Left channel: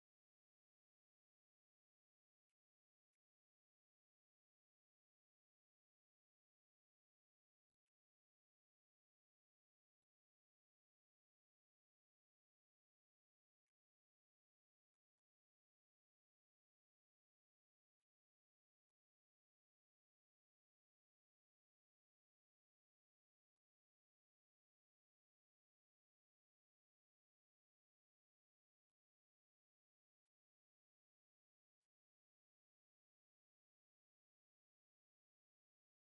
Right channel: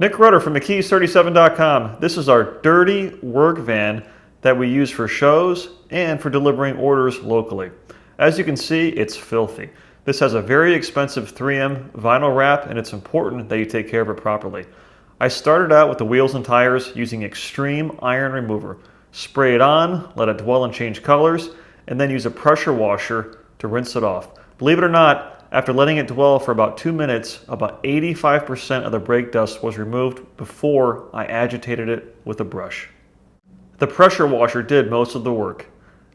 Nick Rudder from McKee's37.com. This is our dirty work van that we use for shows and for delivering orders locally. As you can see, it's filthy. This has a very expensive 3M vinyl wrap, and it's important that you take care of it properly. I started out with the wheels and tires using extreme iron remover. Spray it on, let it dwell and change colors, and then use a pressure washer to rinse it off. Believe it or not, after letting it dwell for about 2 minutes, about 85% of the brake dust was removed before I agitated it with a brush. The pressure washer did most of the work.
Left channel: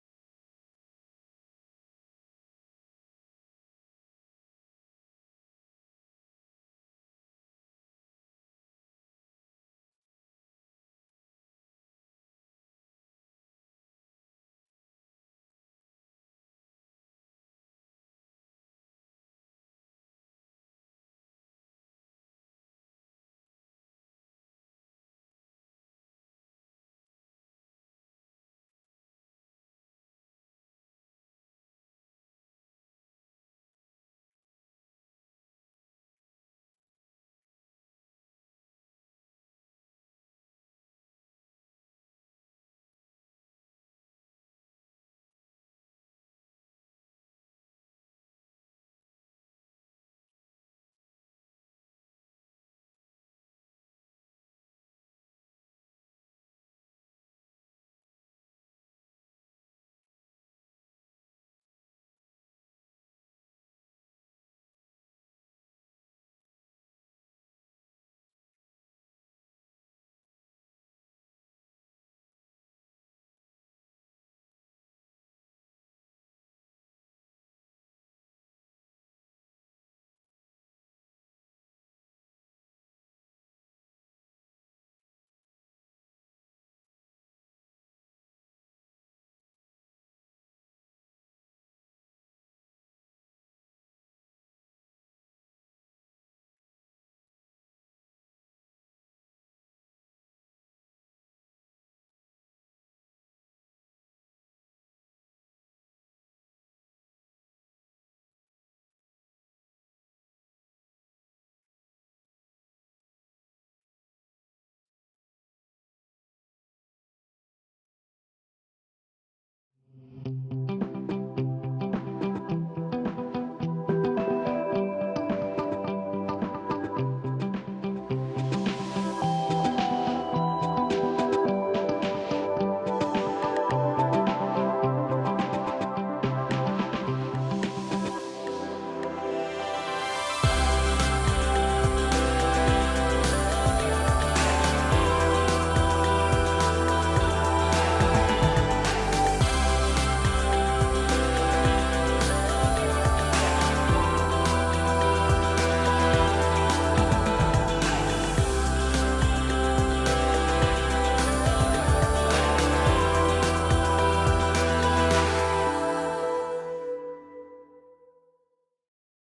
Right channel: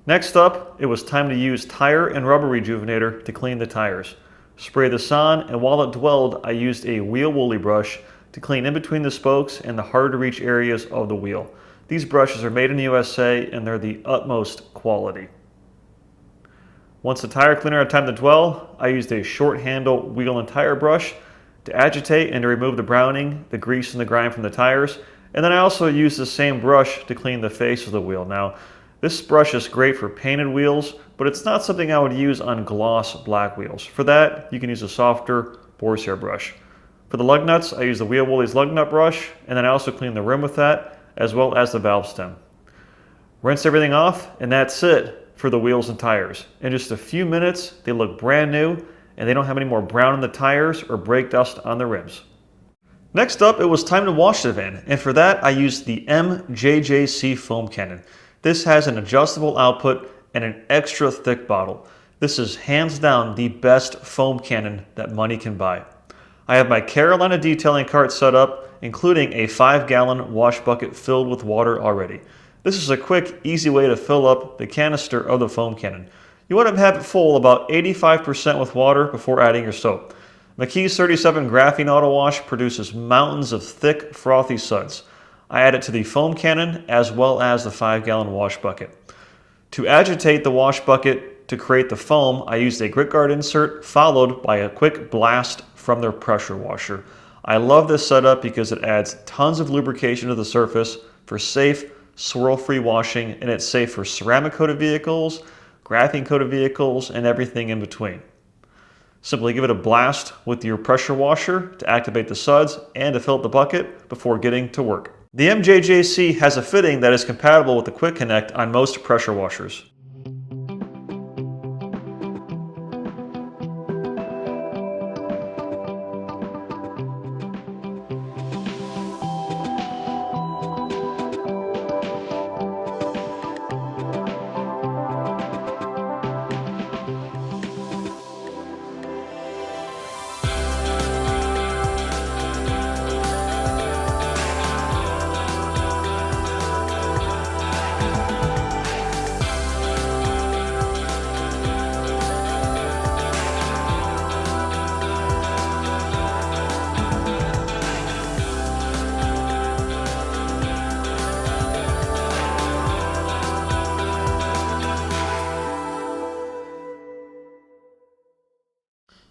Next up, it was time to use tire and rubber rejuvenator to clean the tires. Spray this on, and while it dwelled, I used a wheel woolly brush to clean in between the spokes and the hard to reach areas of the wheel. These brushes are made in the USA and they're the utmost quality. Once the tire cleaner had time to dwell, I used a short handle wheel and tire brush to agitate and to remove the browning, the grease, and the grime from the tires. And then I also used the same brush to clean the face of the wheel. Now, this brush is great for painted wheels, but it's not something I would use on gloss black wheels. For that, you can use a softer boar's hair brush. For the lug nuts, I use the Wheel Woolies lug nut brush, and then I also clean the rim with that, as well as the valve stem. Rinse everything off, and that's it for the wheels and tires. In just a few minutes, they look brand new, and they don't have any more brown in the tires or brake dust on the rims. Next up, it was time to wash the van, and for that, I used the MJJC foam cannon. This has an adjustable output and an extra thick bottle. This is hands down the best foam cannon that money can buy. I have my Carolina detailing cart set up, including a 5-gallon wash bucket filled with water already. This is a quick, easy way to fill up the canister of the foam cannon. You want to have it full about 85% with water before adding your soap. McKee's 37 Graphene Auto Wash produces mountains of thick, frothy suds. I add it to the foam cannon as well as the 5-gallon wash bucket. To agitate the wash bucket to create the foam, I used a grit guard insert followed by a quick blast from the pressure washer. I love this setup because it adds tons of lubrication to the surface for safe, swirl-free washing, and it's safe for ceramic-coated vehicles, graphene-coated vehicles, and everything in between. Simply give it a blast with your pressure washer to activate the suds and to fill up the bucket before getting to work. The MJJC has a fitting that is compatible with the Quick Connect on most pressure washers.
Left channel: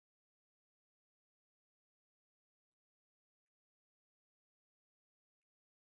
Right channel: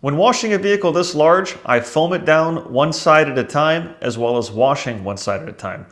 When washing a vehicle this large, I foam it down one side at a time as well as washing one side at a time.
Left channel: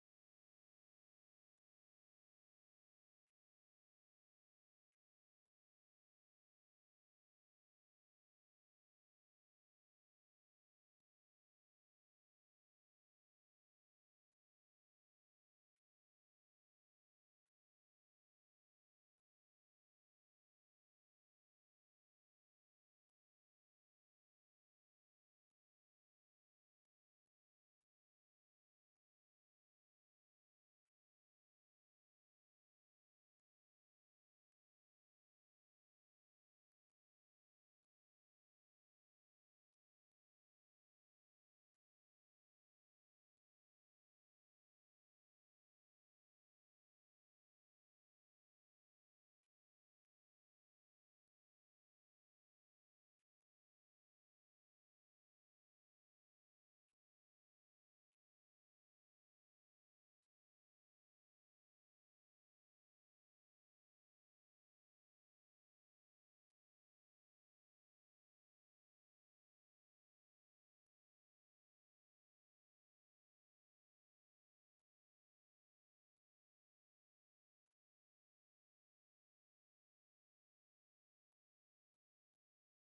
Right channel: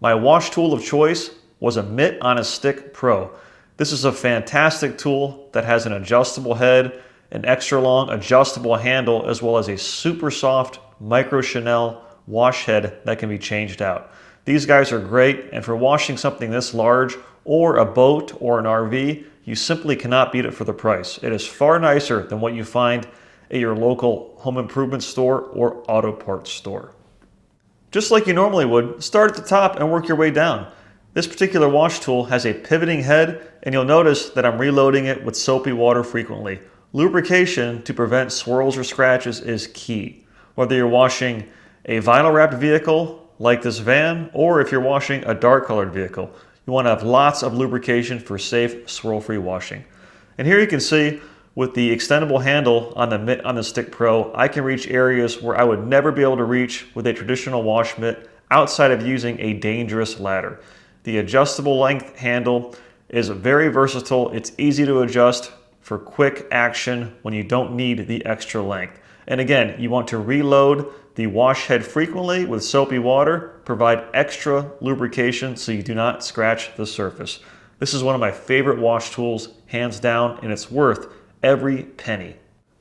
My wash tool of choice was a Mitt on a Stick Pro. This is a fantastic tool that has an adjustable head, an extra long adjustable handle, as well as a super soft micro Chanel wash head that can be changed out. These guys are great, and for washing something this large or a boat or an RV, you simply cannot beat it for the price. It is far nicer than what you find at your local home improvement store or auto parts store. Just like you normally would, start at the top and work your way down. This particular wash tool has a pivoting head, and you'll notice that I'm reloading it with soapy water frequently. Lubrication to prevent swirls or scratches is key. Whether you're washing a vinyl wrapped vehicle like this van, or if you're washing a dark colored vehicle, you want to have lots of lubrication for safe, swirl-free washing. And here you can see with the extendable handle on the Mitt on the Stick Pro, I can reach areas where I would never be able to reach with a traditional wash mitt outside of using a dangerous ladder. The adjustable length handle is very versatile. It's easy to adjust for quick action when you don't need the extra length. And again, you want to reload the wash head frequently with soapy water, provide extra lubrication so you do not scratch the surface. This is one of my favorite wash tools, hands down, and it's worth every penny.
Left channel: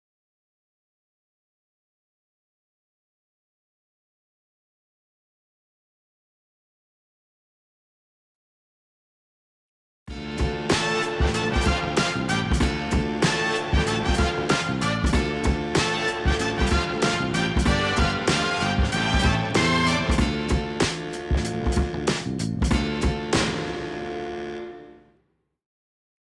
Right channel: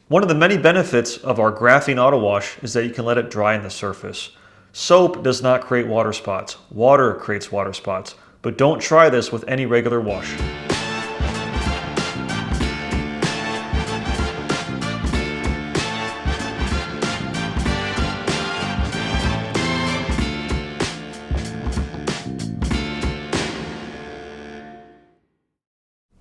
One of the many benefits of our Graphene Auto Wash is that you can let it dry on the surface. Soap does not create water spots. Water creates water spots. But don't try this with any regular wash.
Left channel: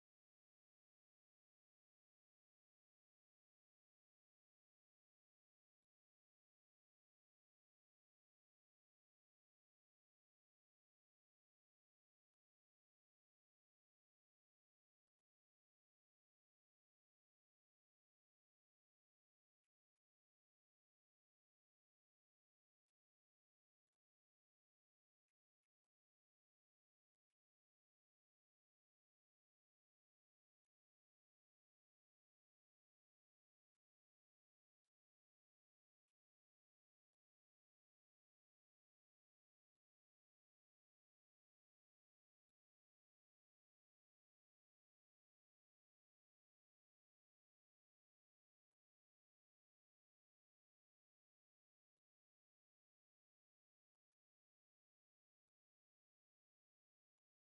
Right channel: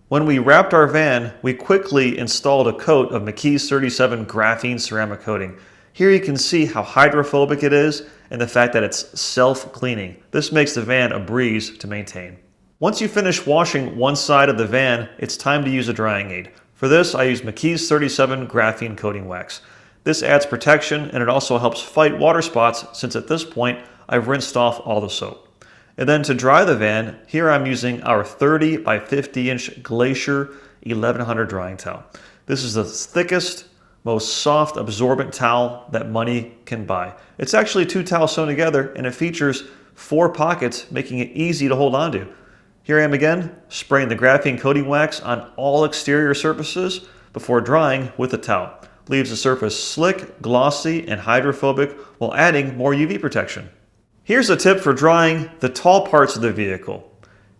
When we wrapped our van, we quickly installed a coat of McKee's 37 graphene ceramic coating. Here you can see how hydrophobic it is and the fact that it's self-cleaning. This makes the van a breeze to maintain. Once you finish washing one side of the van, it's time to use a drying aid. For this, I use McKee's 37 Graphene Coating Wax. This adds protection and it also helps fight water spots since at this point I've rinsed off all the soap. And then to dry the van, here I'm using our 30 by 50 inch Glacier 1100 drying towel. This is the thickest, most soft absorbent towel that money can buy. It's actually 2 towels sewn together and it features 4 pockets, making it easy to hold onto. Here I am again, spraying the graphene coating wax on all exterior surfaces before drying with the towel. Leaves the surface slick, glossy, and hydrophobic while adding more UV protection. Here's a tip for drying the tall parts of the vehicle.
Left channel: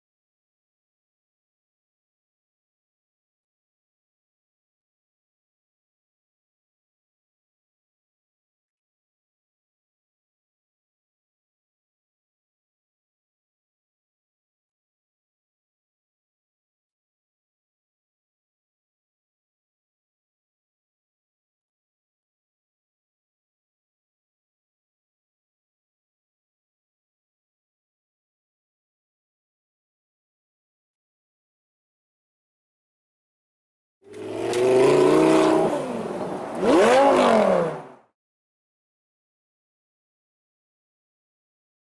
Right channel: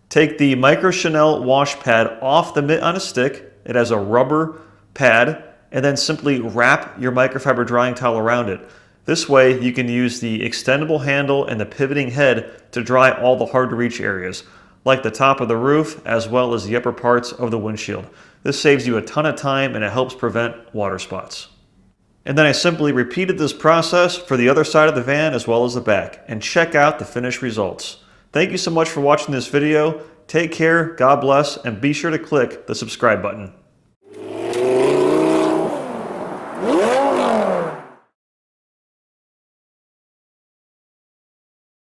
Take the Micro Chanel wash pad off the mitt on a stick. It has a rubber pad, and then simply wrap your microfiber drying towel around it. This way you can use the extendable handle and the pivoting head to dry all the hard to reach areas, like the top of the roof as well as the upper parts of the windshield. This saves you a ton of time and it helps prevent water spots. And then I simply repeated this process for the other side of the van as well as the back, and check out the finished results. Thank you so much for watching this video. Take care, God bless, and be sure to click the subscribe button.